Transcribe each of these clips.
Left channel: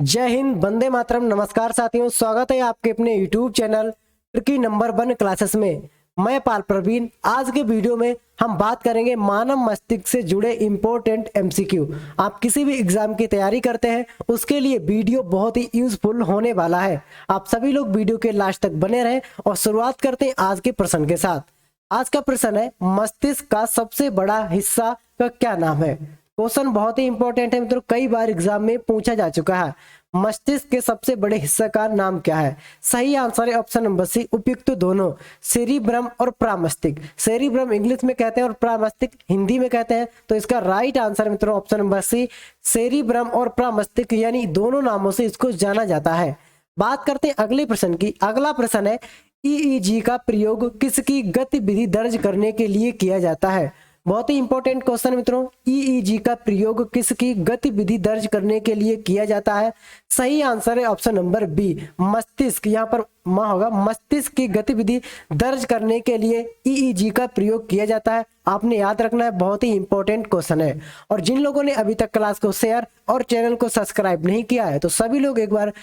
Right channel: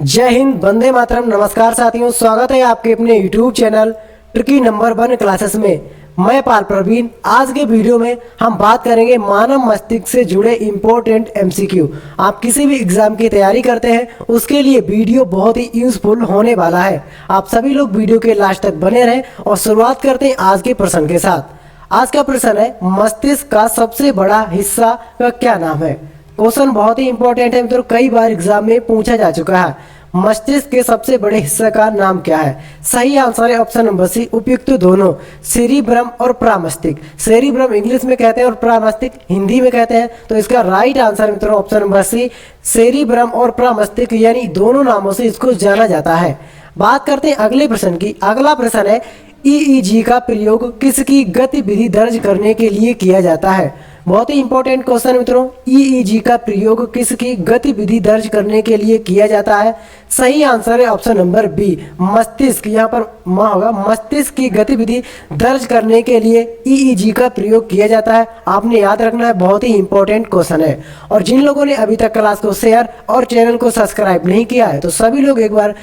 जय हिंद, वंदे मातरम। नमस्कार साथियों, स्वागत है आपके अपने YouTube channel tricky number 1 classes में। मैं पाल प्रवीण। आज के वीडियो में हम बात करेंगे मानव मस्तिष्क से जुड़े इम्पोर्टेंट MCQ। आप किसी भी एग्जाम की तैयारी करते हैं उसके लिए वीडियो बहुत ही यूजफुल होने वाला है। आप सभी लोग वीडियो के लास्ट तक बने रहें और शुरुआत करते हैं आज के प्रश्न के साथ। आज का प्रश्न है, मस्तिष्क का सबसे बड़ा हिस्सा का क्या नाम है। क्वेश्चन बहुत ही इंपॉर्टेंट है मित्रों, कई बार एग्जाम में पूछा जा चुका है। मस्तिष्क के सबसे बड़े हिस्से का नाम क्या है। सही आंसर है ऑप्शन नंबर सी, उपयुक्त दोनों, सेरिब्रम और प्रामस्तिष्क। सेरिब्रम इंग्लिश में कहते हैं और प्रामस्तिष्क हिंदी में कहते हैं, तो इसका राइट आंसर मित्रों ऑप्शन नंबर सी, सेरिब्रम और प्रामस्तिष्क, यानी दोनों नामों से इसको जाना जाता है। बात करते हैं अगले प्रश्न की। अगला प्रश्न है, EEG का प्रयोग किसकी गतिविधि दर्ज करने के लिए किया जाता है। बहुत ही इंपॉर्टेंट क्वेश्चन मित्रों, EEG का प्रयोग किसकी गतिविधि दर्ज करने के लिए किया जाता है। सही आंसर है ऑप्शन नंबर बी, मस्तिष्क। यहाँ पर मां होगा, मस्तिष्क की गतिविधि दर्ज करने के लिए EEG का प्रयोग किया जाता है। आपने याद रखना है, बहुत ही इंपॉर्टेंट क्वेश्चन है। और जिन लोगों ने अभी तक क्लास को शेयर और चैनल को सब्सक्राइब नहीं किया है तो सभी लोग एक बार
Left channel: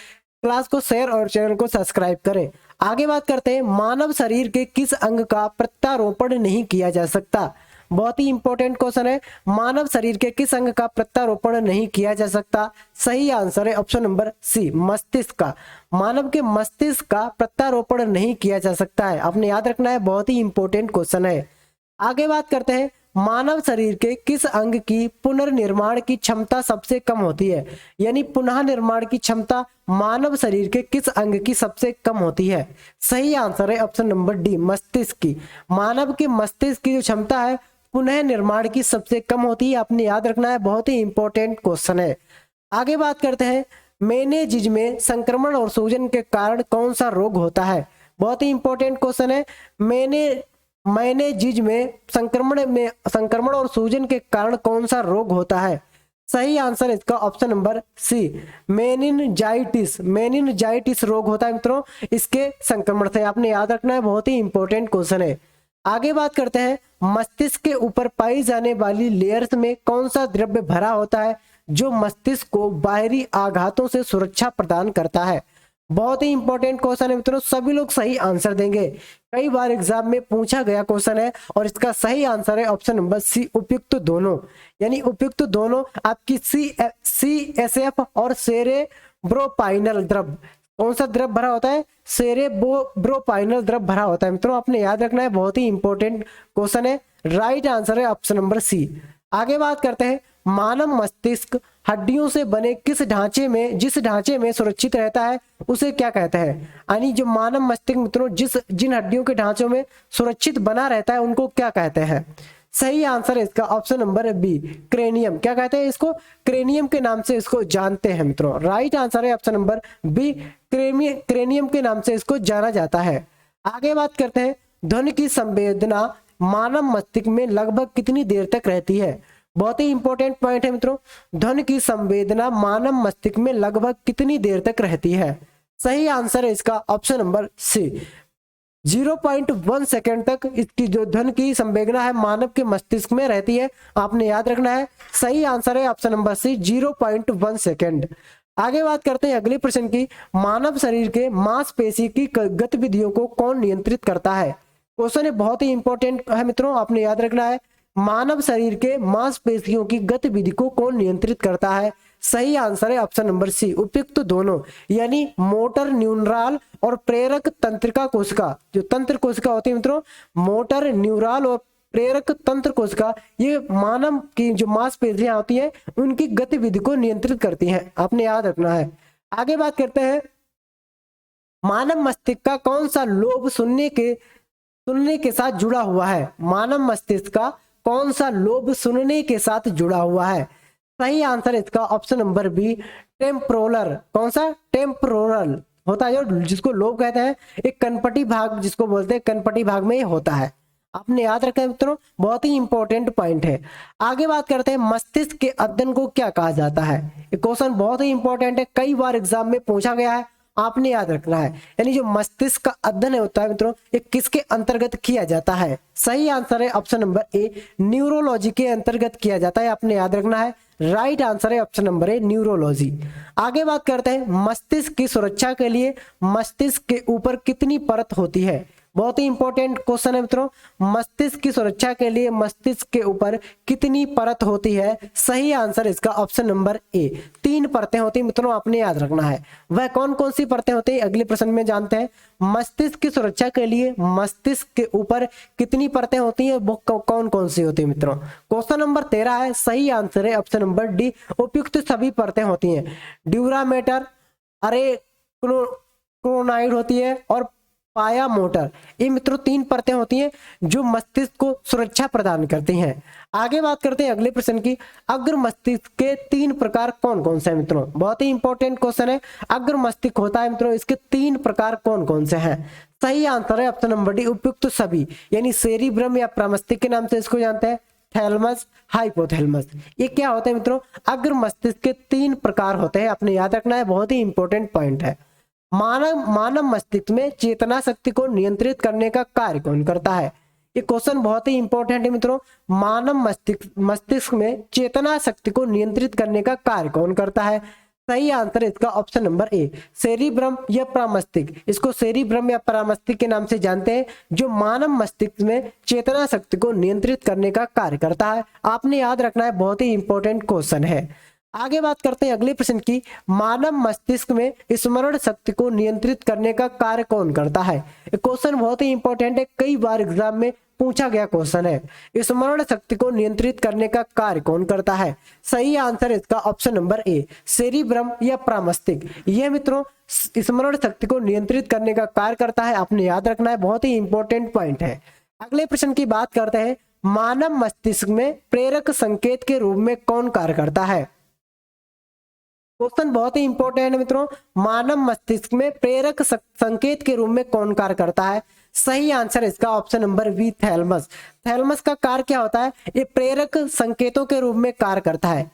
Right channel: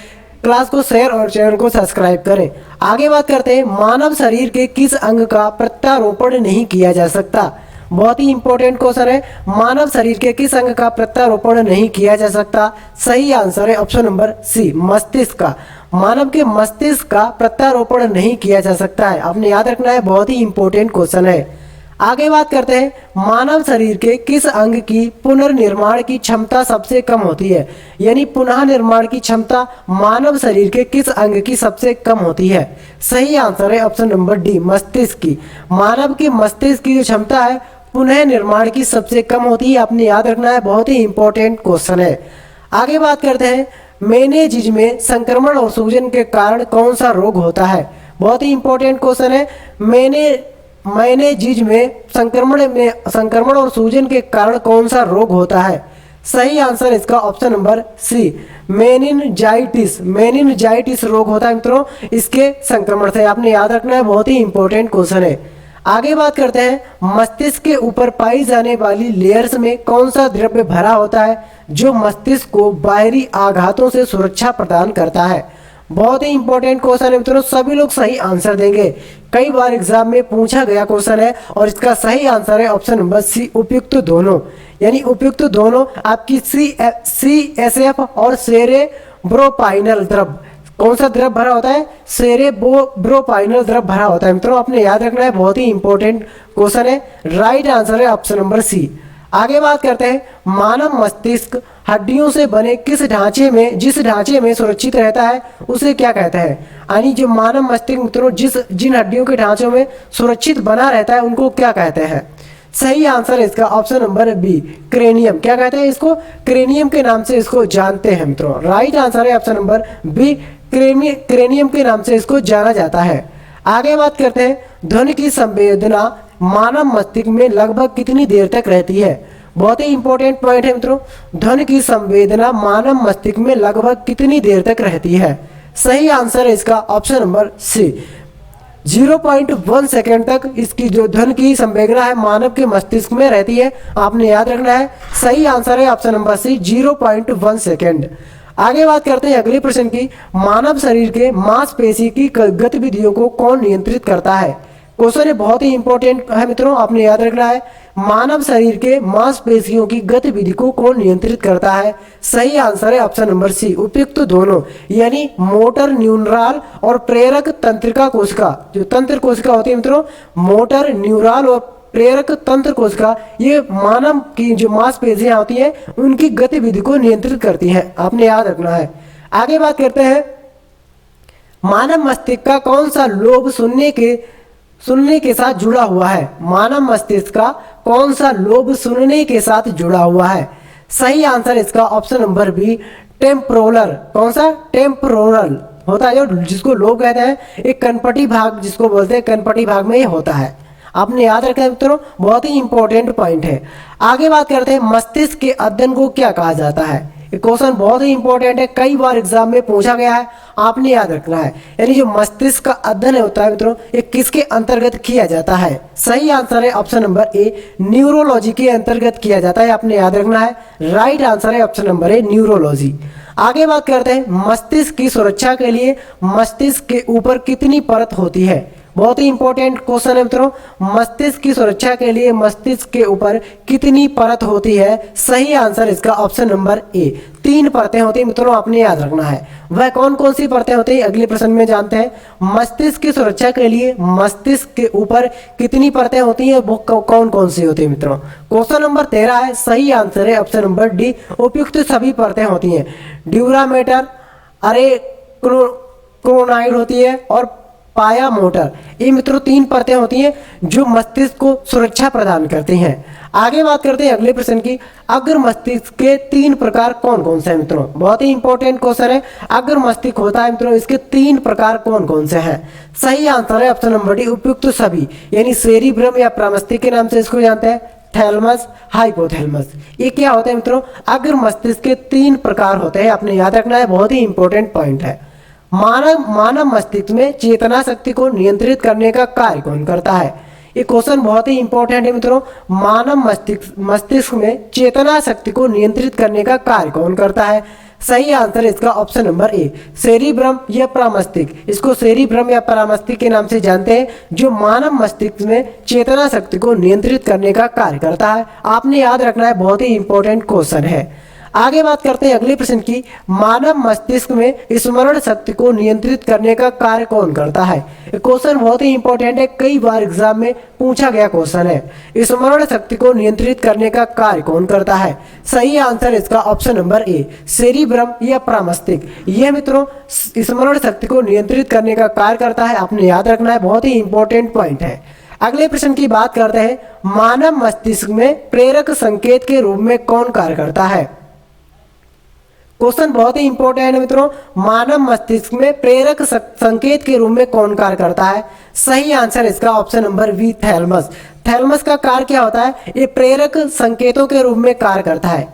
क्लास को शेयर और चैनल को सब्सक्राइब करें। आगे बात करते हैं, मानव शरीर के किस अंग का प्रत्यारोपण नहीं किया जा सकता। बहुत ही इंपॉर्टेंट क्वेश्चन है, मानव शरीर के किस अंग का प्रत्यारोपण नहीं किया जा सकता। सही आंसर है ऑप्शन नंबर सी, मस्तिष्क का। मानव के मस्तिष्क का प्रत्यारोपण नहीं किया जा सकता है। आपने याद रखना है, बहुत ही इंपॉर्टेंट क्वेश्चन है। आगे बात करते हैं, मानव शरीर के किस अंग की पुनर्निर्माण की क्षमता सबसे कम होती है। यानी पुनः निर्माण की क्षमता मानव शरीर के किस अंग की सबसे कम होती है। सही आंसर है ऑप्शन नंबर डी, मस्तिष्क की। मानव के मस्तिष्क की जो क्षमता है पुनः निर्माण की सबसे कम होती है। आपने याद रखना है, बहुत ही इंपॉर्टेंट क्वेश्चन है। आगे बात करते हैं, मेनिंजेस में संक्रमण और सूजन के कारण कौन सा रोग होता है। बहुत ही इंपॉर्टेंट क्वेश्चन है। मेनिंजेस में संक्रमण और सूजन के कारण कौन सा रोग होता है। सही आंसर इसका option number C, meningitis. Meningitis रोग होता है मित्रों इसके संक्रमण से। आपने याद रखना है, बहुत ही इंपॉर्टेंट क्वेश्चन है। आगे बात करते हैं, मस्तिष्क के ऊपर पाई जाने वाली लेयर्स में कौन सा द्रव्य भरा होता है जो मस्तिष्क को बाहरी आघातों से सुरक्षा प्रदान करता है। बहुत ही इंपॉर्टेंट क्वेश्चन है मित्रों, सभी लोग सही आंसर देंगे। कई बार एग्जाम में पूछा गया क्वेश्चन है और इसका सही आंसर है ऑप्शन नंबर सी, उपयुक्त दोनों। यानी उपयुक्त दोनों आपकी CSF और सेरेब्रोस्पाइनल द्रव, कौन सा द्रव भरा होता है, सेरेब्रोस्पाइनल द्रव भरा होता है मित्रों। आपने याद रखना है, बहुत ही इंपॉर्टेंट क्वेश्चन है। राइट आंसर है ऑप्शन नंबर सी। आगे बात करते हैं, मानव मस्तिष्क हड्डियों से बने जिस ढांचे में सुरक्षित रहता है उसे क्या कहते हैं। यानी जो मानव मस्तिष्क मित्रों जिन हड्डियों के ढांचों में सुरक्षित बना रहता है उनको क्या कहते हैं। सही आंसर है इसका ऑप्शन नंबर बी, क्रेनियम। क्या कहते हैं इसको, क्रेनियम के नाम से इसको जानते हैं मित्रों। राइट आंसर है ऑप्शन नंबर बी, क्रेनियम के नाम से इसको जाना जाता है। आगे बात करते हैं, ध्वनि की संवेदना मानव मस्तिष्क में लगभग कितनी देर तक रहती है। बहुत ही इंपॉर्टेंट पॉइंट है मित्रों, ध्वनि की संवेदना मानव मस्तिष्क में लगभग कितनी देर तक रहती है। सही आंसर है इसका ऑप्शन नंबर सी, 0.1 सेकेंड तक इसकी जो ध्वनि की संवेदना है मानव के मस्तिष्क में रहती है। आपने याद रखना है, सही आंसर है ऑप्शन नंबर सी, 0.1 सेकेंड। आगे बात करते हैं अगले प्रश्न की, मानव शरीर के मांसपेशी की गतिविधियों को कौन नियंत्रित करता है। क्वेश्चन बहुत ही इंपॉर्टेंट है मित्रों, आपने याद रखना है, मानव शरीर के मांसपेशियों की गतिविधि को कौन नियंत्रित करता है। सही आंसर है ऑप्शन नंबर सी, उपयुक्त दोनों। यानी मोटर न्यूरॉन और प्रेरक तंत्रिका कोशिका, जो तंत्र कोशिका होती है मित्रों, मोटर न्यूरॉन और प्रेरक तंत्र कोशिका, ये मानव की जो मांसपेशियां होती हैं उनकी गतिविधि को नियंत्रित करती हैं। आपने याद रखना है। आगे बात करते हैं, मानव मस्तिष्क का कौन सा लोब सुनने के साथ जुड़ा हुआ है। मानव मस्तिष्क का कौन सा लोब सुनने के साथ जुड़ा हुआ है। सही आंसर इसका ऑप्शन नंबर बी, टेम्पोरल। कौन सा, टेम्पोरल होता है जो जिसको लोब कहते हैं, एक कनपटी भाग जिसको बोलते हैं, कनपटी भाग में ये होता है। आपने याद रखा है मित्रों, बहुत ही इंपॉर्टेंट पॉइंट है। आगे बात करते हैं, मस्तिष्क के अध्ययन को क्या कहा जाता है। ये क्वेश्चन बहुत ही इंपॉर्टेंट है, कई बार एग्जाम में पूछा गया है, आपने याद रखना है। यानी जो मस्तिष्क का अध्ययन होता है मित्रों, ये किसके अंतर्गत किया जाता है। सही आंसर है ऑप्शन नंबर ए, न्यूरोलॉजी के अंतर्गत किया जाता है। आपने याद रखना है, राइट आंसर है ऑप्शन नंबर ए, न्यूरोलॉजी। आगे बात करते हैं मस्तिष्क की सुरक्षा के लिए मस्तिष्क के ऊपर कितनी परत होती है। बहुत ही इंपॉर्टेंट क्वेश्चन है मित्रों, मस्तिष्क की सुरक्षा के लिए मस्तिष्क के ऊपर कितनी परत होती है। सही आंसर इसका ऑप्शन नंबर ए, 3 परतें होती है मित्रों, आपने याद रखना है। वह कौन कौन सी परतें होती है अगले प्रश्न में जानते हैं। मस्तिष्क की सुरक्षा के लिए मस्तिष्क के ऊपर कितनी परतें होती है, वो कौन कौन सी होती है मित्रों। क्वेश्चन नंबर 13 है, सही आंसर है ऑप्शन नंबर डी, उपयुक्त सभी परतें होती हैं। ड्यूरामेटर, अरे क्रोनाइड होती है और पाया मोटर, ये मित्रों 3 परतें होती हैं जो मस्तिष्क को सुरक्षा प्रदान करती हैं। आगे बात करते हैं अगले प्रश्न की, अग्र मस्तिष्क के 3 प्रकार कौन कौन से हैं मित्रों। बहुत ही इंपॉर्टेंट क्वेश्चन है, अग्र मस्तिष्क होता है मित्रों, इसके 3 प्रकार कौन कौन से हैं। सही आंसर है ऑप्शन नंबर डी, उपयुक्त सभी, यानी सेरिब्रम या प्रमस्तिष्क के नाम से इसको जानते हैं, थैलमस, हाइपोथैलेमस। ये क्या होते हैं मित्रों, अग्र मस्तिष्क के 3 प्रकार होते हैं, आपने याद रखना है, बहुत ही इंपॉर्टेंट पॉइंट है। मानव मस्तिष्क में चेतना शक्ति को नियंत्रित करने का कार्य कौन करता है। ये क्वेश्चन बहुत ही इंपॉर्टेंट है मित्रों, मानव मस्तिष्क में चेतना शक्ति को नियंत्रित करने का कार्य कौन करता है। सही आंसर इसका ऑप्शन नंबर ए, सेरिब्रम या प्रमस्तिष्क, इसको सेरिब्रम या प्रमस्तिष्क के नाम से जानते हैं, जो मानव मस्तिष्क में चेतना शक्ति को नियंत्रित करने का कार्य करता है। आपने याद रखना है, बहुत ही इंपॉर्टेंट क्वेश्चन है। आगे बात करते हैं अगले प्रश्न की, मानव मस्तिष्क में स्मरण शक्ति को नियंत्रित करने का कार्य कौन करता है। क्वेश्चन बहुत ही इंपॉर्टेंट है, कई बार एग्जाम में पूछा गया क्वेश्चन है, स्मरण शक्ति को नियंत्रित करने का कार्य कौन करता है। सही आंसर इसका ऑप्शन नंबर ए, सेरिब्रम या प्रमस्तिष्क, यह मित्रों स्मरण शक्ति को नियंत्रित करने का कार्य करता है, आपने याद रखना है, बहुत ही इंपॉर्टेंट पॉइंट है। अगले प्रश्न की बात करते हैं, मानव मस्तिष्क में प्रेरक संकेत के रूप में कौन कार्य करता है। क्वेश्चन बहुत ही इंपॉर्टेंट है मित्रों, मानव मस्तिष्क में प्रेरक संकेत के रूप में कौन कार्य करता है। सही आंसर इसका option number B, thalamus. Thalamus का कार्य क्या होता है, ये प्रेरक संकेतों के रूप में कार्य करता है।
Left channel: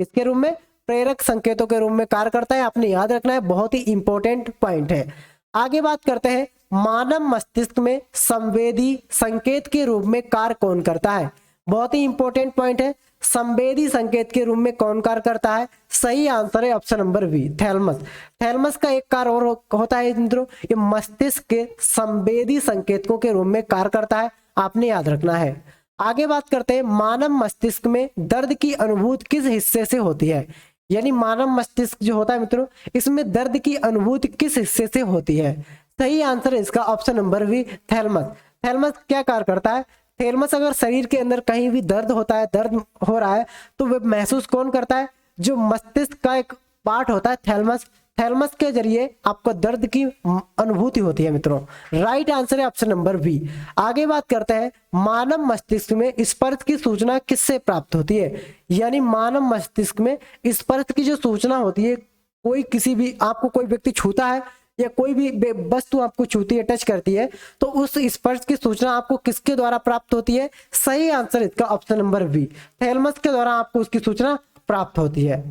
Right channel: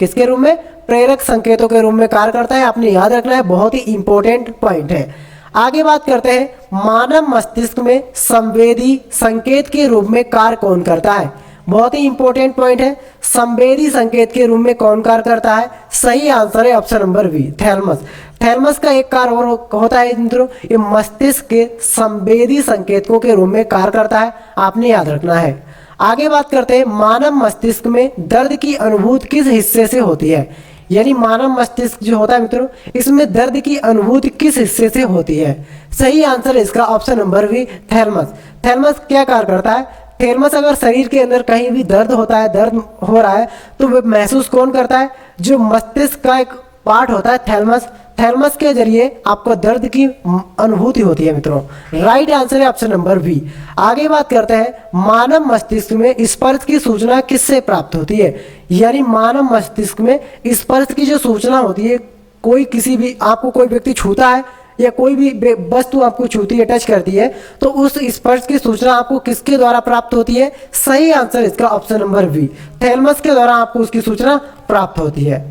किसके रूप में, प्रेरक संकेतों के रूप में कार्य करता है, आपने याद रखना है, बहुत ही इंपॉर्टेंट पॉइंट है। आगे बात करते हैं, मानव मस्तिष्क में संवेदी संकेत के रूप में कार्य कौन करता है। बहुत ही इंपॉर्टेंट पॉइंट है, संवेदी संकेत के रूप में कौन कार्य करता है। सही आंसर है option number B, thalamus. Thalamus का एक कार्य और होता है मित्रों, ये मस्तिष्क के संवेदी संकेतों के रूप में कार्य करता है, आपने याद रखना है। आगे बात करते हैं, मानव मस्तिष्क में दर्द की अनुभूति किस हिस्से से होती है। यानी मानव मस्तिष्क जो होता है मित्रों, इसमें दर्द की अनुभूति किस हिस्से से होती है। सही आंसर इसका option number B, thalamus. Thalamus क्या कार्य करता है, थैलमस अगर शरीर के अंदर कहीं भी दर्द होता है, दर्द हो रहा है, तो वो महसूस कौन करता है, जो मस्तिष्क का एक पार्ट होता है थैलमस, थैलमस के जरिए आपको दर्द की अनुभूति होती है मित्रों। राइट आंसर है ऑप्शन नंबर बी। आगे बात करते हैं, मानव मस्तिष्क में स्पर्श की सूचना किससे प्राप्त होती है। यानी मानव मस्तिष्क में स्पर्श की जो सूचना होती है, कोई किसी भी आपको कोई व्यक्ति छूता है या कोई भी वस्तु आपको छूती है, टच करती है, तो उस स्पर्श की सूचना आपको किसके द्वारा प्राप्त होती है। सही आंसर इसका ऑप्शन नंबर बी, थैलमस के द्वारा आपको उसकी सूचना प्राप्त होती है।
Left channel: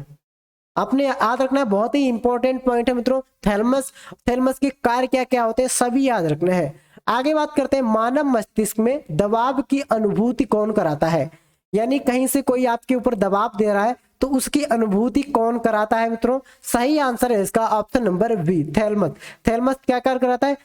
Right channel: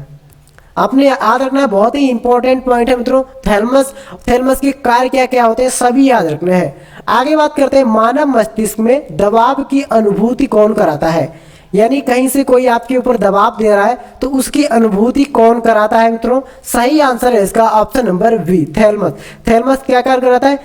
आपने याद रखना है, बहुत ही इंपॉर्टेंट पॉइंट है मित्रों, थैलमस के कार्य क्या क्या होते हैं सभी याद रखने हैं। आगे बात करते हैं, मानव मस्तिष्क में दबाव की अनुभूति कौन कराता है। यानी कहीं से कोई आपके ऊपर दबाव दे रहा है, तो उसकी अनुभूति कौन कराता है मित्रों। सही आंसर है इसका option number B, thalamus. Thalamus क्या कार्य कराता है,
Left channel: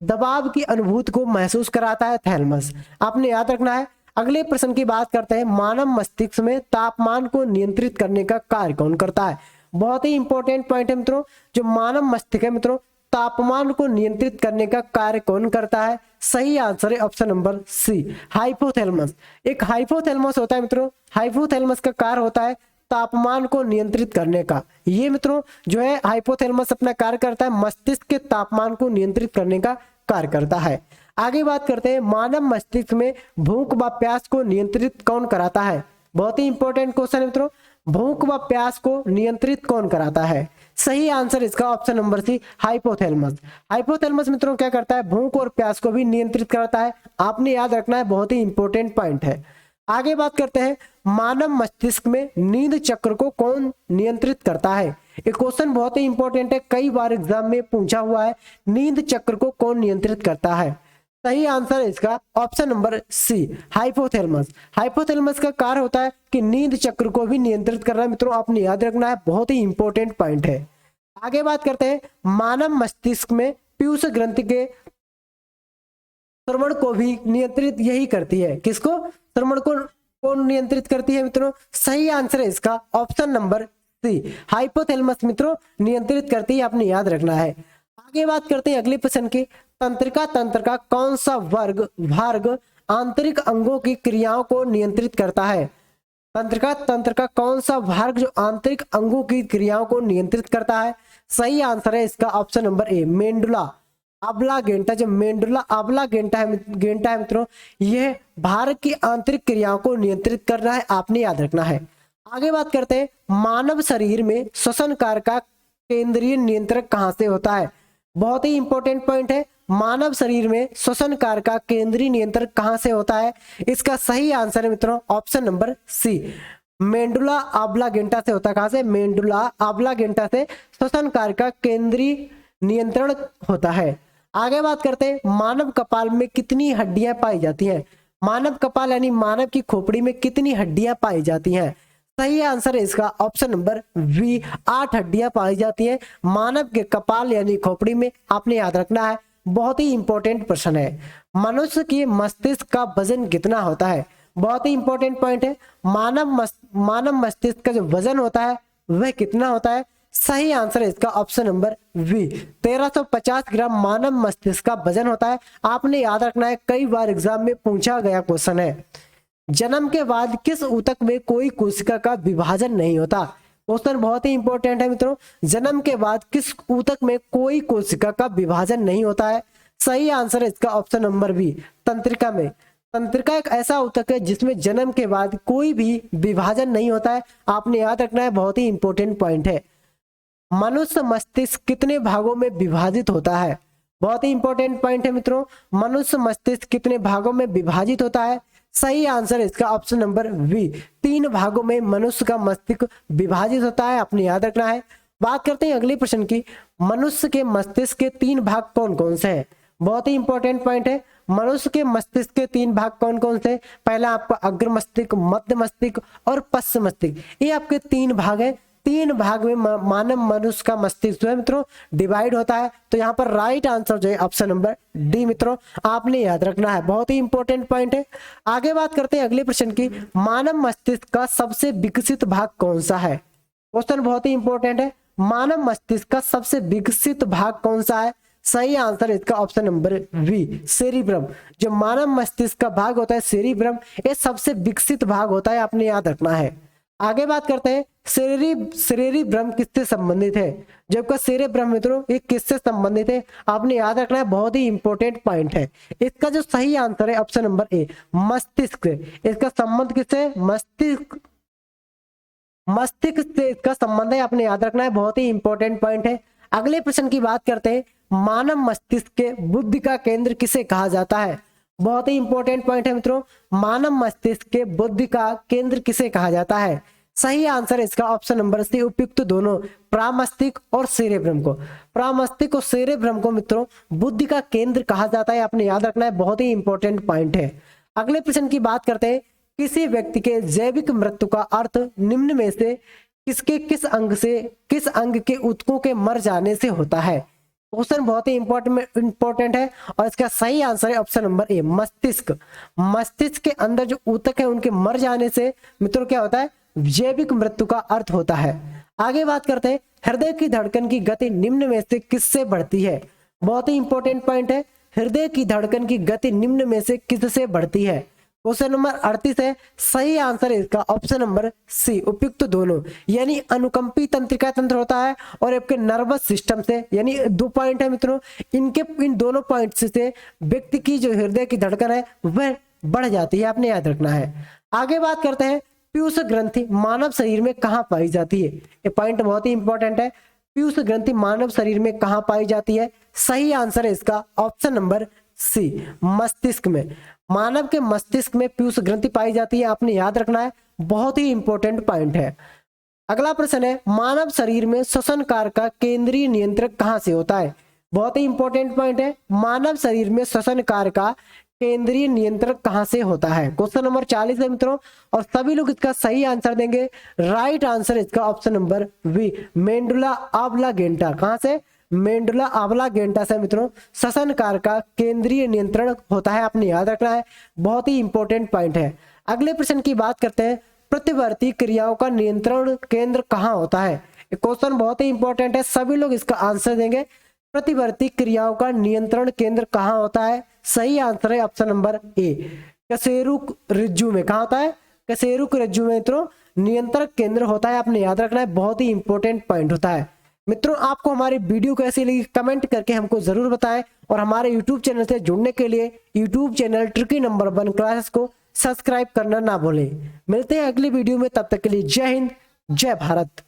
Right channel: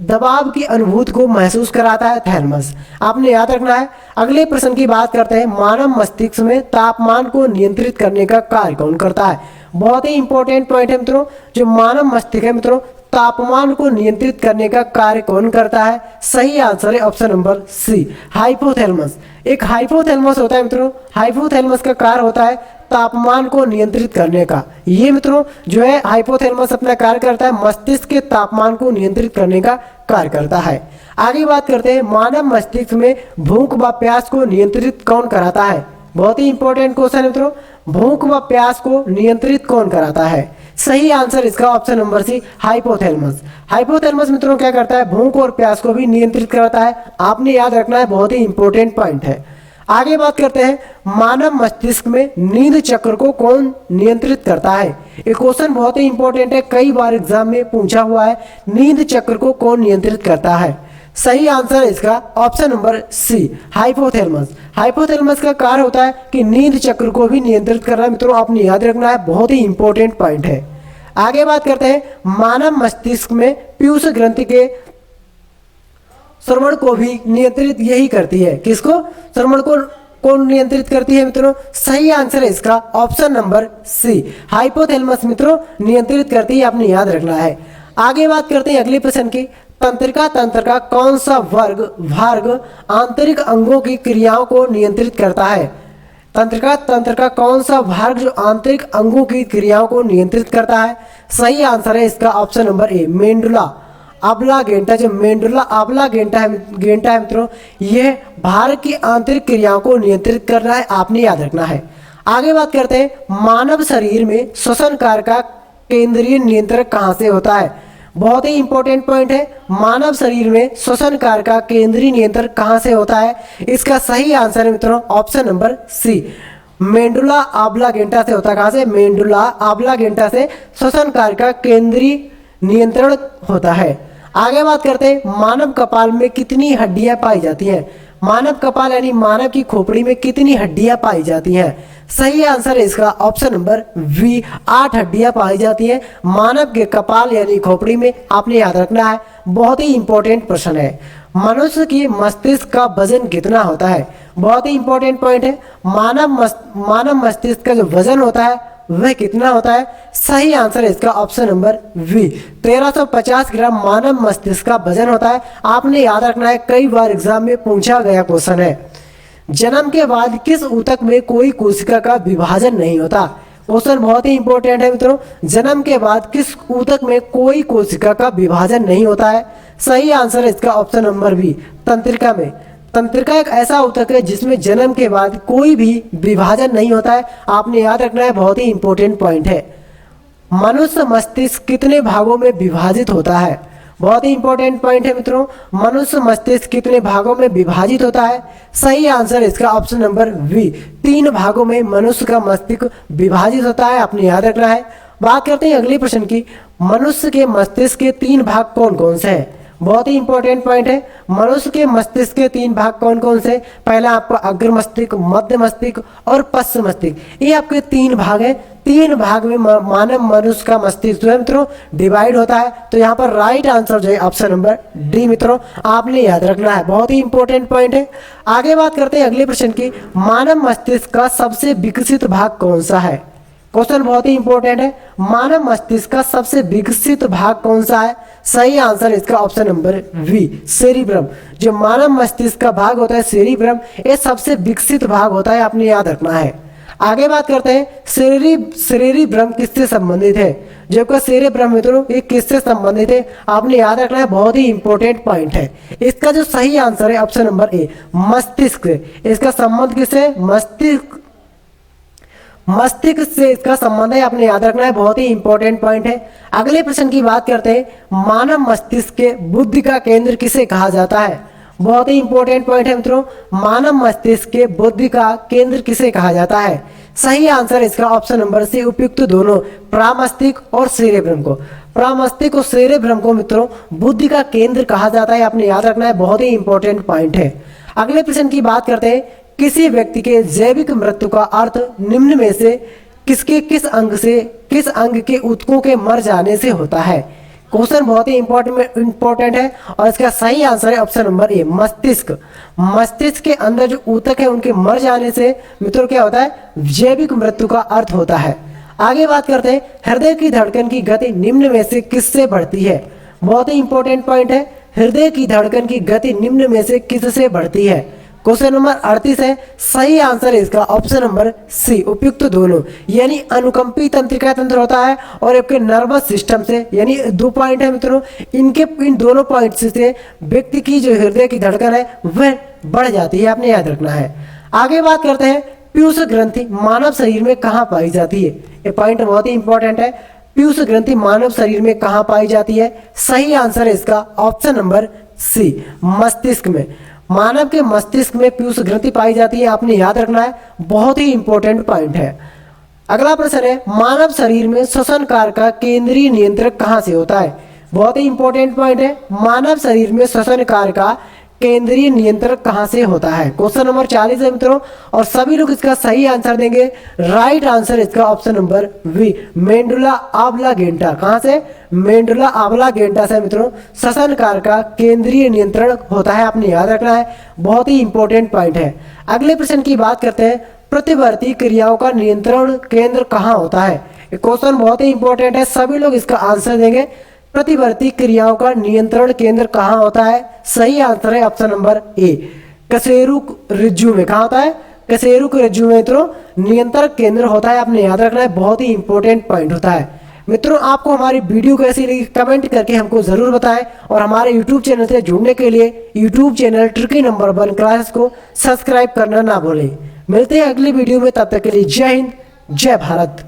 दबाव की अनुभूति को महसूस कराता है थैलमस, आपने याद रखना है। अगले प्रश्न की बात करते हैं, मानव मस्तिष्क में तापमान को नियंत्रित करने का कार्य कौन करता है। बहुत ही इंपॉर्टेंट पॉइंट है मित्रों, जो मानव मस्तिष्क है मित्रों, तापमान को नियंत्रित करने का कार्य कौन करता है। सही आंसर है ऑप्शन नंबर सी, हाइपोथैलेमस। एक हाइपोथैलेमस होता है मित्रों, हाइपोथैलेमस का कार्य होता है तापमान को नियंत्रित करने का। ये मित्रों जो है हाइपोथैलेमस अपना कार्य करता है, मस्तिष्क के तापमान को नियंत्रित करने का कार्य करता है। आगे बात करते हैं, मानव मस्तिष्क में भूख व प्यास को नियंत्रित कौन कराता है। बहुत ही इंपॉर्टेंट क्वेश्चन है मित्रों, भूख व प्यास को नियंत्रित कौन कराता है। सही आंसर इसका option number C, hypothalamus. Hypothalamus मित्रों क्या करता है, भूख और प्यास को भी नियंत्रित करता है, आपने याद रखना है, बहुत ही इंपॉर्टेंट पॉइंट है। आगे बात करते हैं, मानव मस्तिष्क में नींद चक्र को कौन नियंत्रित करता है। ये क्वेश्चन बहुत ही इंपॉर्टेंट है, कई बार एग्जाम में पूछा हुआ है, नींद चक्र को कौन नियंत्रित करता है। सही आंसर है इसका option number C, hypothalamus. Hypothalamus का कार्य होता है कि नींद चक्र को भी नियंत्रित करना। मित्रों आपने याद रखना है, बहुत ही इंपॉर्टेंट पॉइंट है। आगे बात करते हैं, मानव मस्तिष्क में पीयूष ग्रंथि के श्रवण को भी नियंत्रित यही करती है। किसको? श्रवण को नियंत्रित करती है मित्रों। सही आंसर है इसका ऑप्शन नंबर सी, हाइपोथैलेमस मित्रों नियंत्रित करती है, आपने याद रखना है। आगे बात करते हैं अगले प्रश्न की, तंत्रिका तंत्र का कौन सा भाग आंतरिक अंगों की क्रियाओं को नियंत्रित करता है? तंत्रिका तंत्र का कौन सा भाग जो आंतरिक अंगों की क्रियाओं को नियंत्रित करता है? सही आंसर है इसका ऑप्शन नंबर ए, मेंडुला ऑब्लांगेटा। जो मेंडुला ऑब्लांगेटा है मित्रों, यह भार की आंतरिक क्रियाओं को नियंत्रित कर रहा है, आपने याद रखना है। आगे बात करते हैं, मानव शरीर में श्वसन कार्य का केंद्रीय नियंत्रक कहां से होता है? बहुत ही इंपॉर्टेंट पॉइंट है, मानव शरीर में श्वसन कार्य का केंद्रीय नियंत्रक कहां से होता है? इसका सही आंसर है मित्रों ऑप्शन नंबर सी, मेंडुला ऑब्लांगेटा से होता है। कहां से? मेंडुला ऑब्लांगेटा से श्वसन कार्य का केंद्रीय नियंत्रण होता है। आगे बात करते हैं, मानव कपाल में कितनी हड्डियां पाई जाती हैं? मानव कपाल यानी मानव की खोपड़ी में कितनी हड्डियां पाई जाती हैं? सही आंसर है इसका ऑप्शन नंबर बी, 8 हड्डियां पाई जाती हैं मानव के कपाल यानी खोपड़ी में, आपने याद रखना है, बहुत ही इंपॉर्टेंट प्रश्न है। मनुष्य की मस्तिष्क का वजन कितना होता है? बहुत ही इंपॉर्टेंट पॉइंट है, मानव मस्तिष्क का जो वजन होता है वह कितना होता है? सही आंसर है इसका ऑप्शन नंबर बी, 1350 ग्राम मानव मस्तिष्क का वजन होता है, आपने याद रखना है, कई बार एग्जाम में पूछा गया क्वेश्चन है। जन्म के बाद किस ऊतक में कोई कोशिका का विभाजन नहीं होता? क्वेश्चन बहुत ही इंपॉर्टेंट है मित्रों, जन्म के बाद किस ऊतक में कोई कोशिका का विभाजन नहीं होता है? सही आंसर है इसका ऑप्शन नंबर बी, तंत्रिका में। तंत्रिका एक ऐसा ऊतक है जिसमें जन्म के बाद कोई भी विभाजन नहीं होता है, आपने याद रखना है, बहुत ही इंपॉर्टेंट पॉइंट है। मनुष्य मस्तिष्क कितने भागों में विभाजित होता है? बहुत ही इंपॉर्टेंट पॉइंट है मित्रों, मनुष्य मस्तिष्क कितने भागों में विभाजित होता है? सही आंसर इसका ऑप्शन नंबर बी, 3 भागों में मनुष्य का मस्तिष्क विभाजित होता है, आपने याद रखना है। बात करते हैं अगले प्रश्न की, मनुष्य के मस्तिष्क के 3 भाग कौन कौन से हैं? बहुत ही इंपॉर्टेंट पॉइंट है, मनुष्य के मस्तिष्क के 3 भाग कौन कौन से? पहला आपका अग्र मस्तिष्क, मध्य मस्तिष्क और पश्चिम मस्तिष्क, ये आपके 3 भाग हैं। 3 भाग में मानव मनुष्य का मस्तिष्क जो है मित्रों डिवाइड होता है, तो यहाँ पर राइट आंसर जो है ऑप्शन नंबर डी मित्रों, आपने याद रखना है, बहुत ही इंपॉर्टेंट पॉइंट है। आगे बात करते हैं अगले प्रश्न की, मानव मस्तिष्क का सबसे विकसित भाग कौन सा है? क्वेश्चन बहुत ही इंपॉर्टेंट है, मानव मस्तिष्क का सबसे विकसित भाग कौन सा है? सही आंसर इसका ऑप्शन नंबर बी, सेरिब्रम। जो मानव मस्तिष्क का भाग होता है सेरिब्रम, ये सबसे विकसित भाग होता है, आपने याद रखना है। आगे बात करते हैं, सेरेब्रम किससे संबंधित है? जो आपका सेरेब्रम मित्रों ये किससे संबंधित है? आपने याद रखना है, बहुत ही इंपॉर्टेंट पॉइंट है। इसका जो सही आंसर है ऑप्शन नंबर ए, मस्तिष्क से। इसका संबंध किससे? मस्तिष्क से इसका संबंध है, आपने याद रखना है, बहुत ही इंपॉर्टेंट पॉइंट है। अगले प्रश्न की बात करते हैं, मानव मस्तिष्क के बुद्धि का केंद्र किसे कहा जाता है? बहुत ही इंपॉर्टेंट पॉइंट है मित्रों, मानव मस्तिष्क के बुद्धि का केंद्र किसे कहा जाता है? सही आंसर इसका ऑप्शन नंबर सी, उपयुक्त दोनों, प्रामस्तिष्क और सेरेब्रम को। प्रामस्तिष्क और सेरेब्रम को मित्रों बुद्धि का केंद्र कहा जाता है, आपने याद रखना है, बहुत ही इंपॉर्टेंट पॉइंट है। अगले प्रश्न की बात करते हैं, किसी व्यक्ति के जैविक मृत्यु का अर्थ निम्न में से किस अंग के ऊतकों के मर जाने से होता है? क्वेश्चन बहुत ही इंपॉर्टेंट है और इसका सही आंसर है ऑप्शन नंबर ए, मस्तिष्क। मस्तिष्क के अंदर जो ऊतक है उनके मर जाने से मित्रों क्या होता है? जैविक मृत्यु का अर्थ होता है। आगे बात करते हैं, हृदय की धड़कन की गति निम्न में से किससे बढ़ती है? बहुत ही इंपॉर्टेंट पॉइंट है, हृदय की धड़कन की गति निम्न में से किससे बढ़ती है? क्वेश्चन नंबर 38 है, सही आंसर इसका ऑप्शन नंबर सी, उपयुक्त दोनों, यानी अनुकंपी तंत्रिका तंत्र होता है और आपके नर्वस सिस्टम से, यानी 2 पॉइंट है मित्रों, इन दोनों पॉइंट से व्यक्ति की जो हृदय की धड़कन है वह बढ़ जाती है, आपने याद रखना है। आगे बात करते हैं, पीयूष ग्रंथि मानव शरीर में कहाँ पाई जाती है? ये पॉइंट बहुत ही इंपॉर्टेंट है, पीयूष ग्रंथि मानव शरीर में कहाँ पाई जाती है? सही आंसर है इसका ऑप्शन नंबर सी, मस्तिष्क में। मानव के मस्तिष्क में पीयूष ग्रंथि पाई जाती है, आपने याद रखना है, बहुत ही इंपॉर्टेंट पॉइंट है। अगला प्रश्न है, मानव शरीर में श्वसन कार्य का केंद्रीय नियंत्रक कहां से होता है? बहुत ही इंपॉर्टेंट पॉइंट है, मानव शरीर में श्वसन कार्य का केंद्रीय नियंत्रण कहां से होता है। क्वेश्चन नंबर 40 है मित्रों, और सभी लोग इसका सही आंसर देंगे। राइट आंसर इसका ऑप्शन नंबर बी, मेंडुला ऑब्लांगेटा। कहां से? मेंडुला ऑब्लांगेटा से मित्रों श्वसन कार्य का केंद्रीय नियंत्रण होता है, आपने याद रखना है, बहुत ही इंपॉर्टेंट पॉइंट है। अगले प्रश्न की बात करते हैं, प्रतिवर्ती क्रियाओं का नियंत्रण केंद्र कहां होता है। क्वेश्चन बहुत ही इंपॉर्टेंट है, सभी लोग इसका आंसर देंगे। प्रतिवर्ती क्रियाओं का नियंत्रण केंद्र कहां होता है? सही आंसर है ऑप्शन नंबर ए, कशेरुक रज्जु में। कहां होता है? कशेरुक रज्जु में मित्रों नियंत्रण केंद्र होता है, आपने याद रखना है, बहुत ही इंपॉर्टेंट पॉइंट होता है। मित्रों आपको हमारी वीडियो कैसी लगी कमेंट करके हमको जरूर बताएं, और हमारे यूट्यूब चैनल से जुड़ने के लिए YouTube channel tricky number 1 class को सब्सक्राइब करना ना भूलें। मिलते हैं अगली वीडियो में, तब तक के लिए जय हिंद, जय भारत।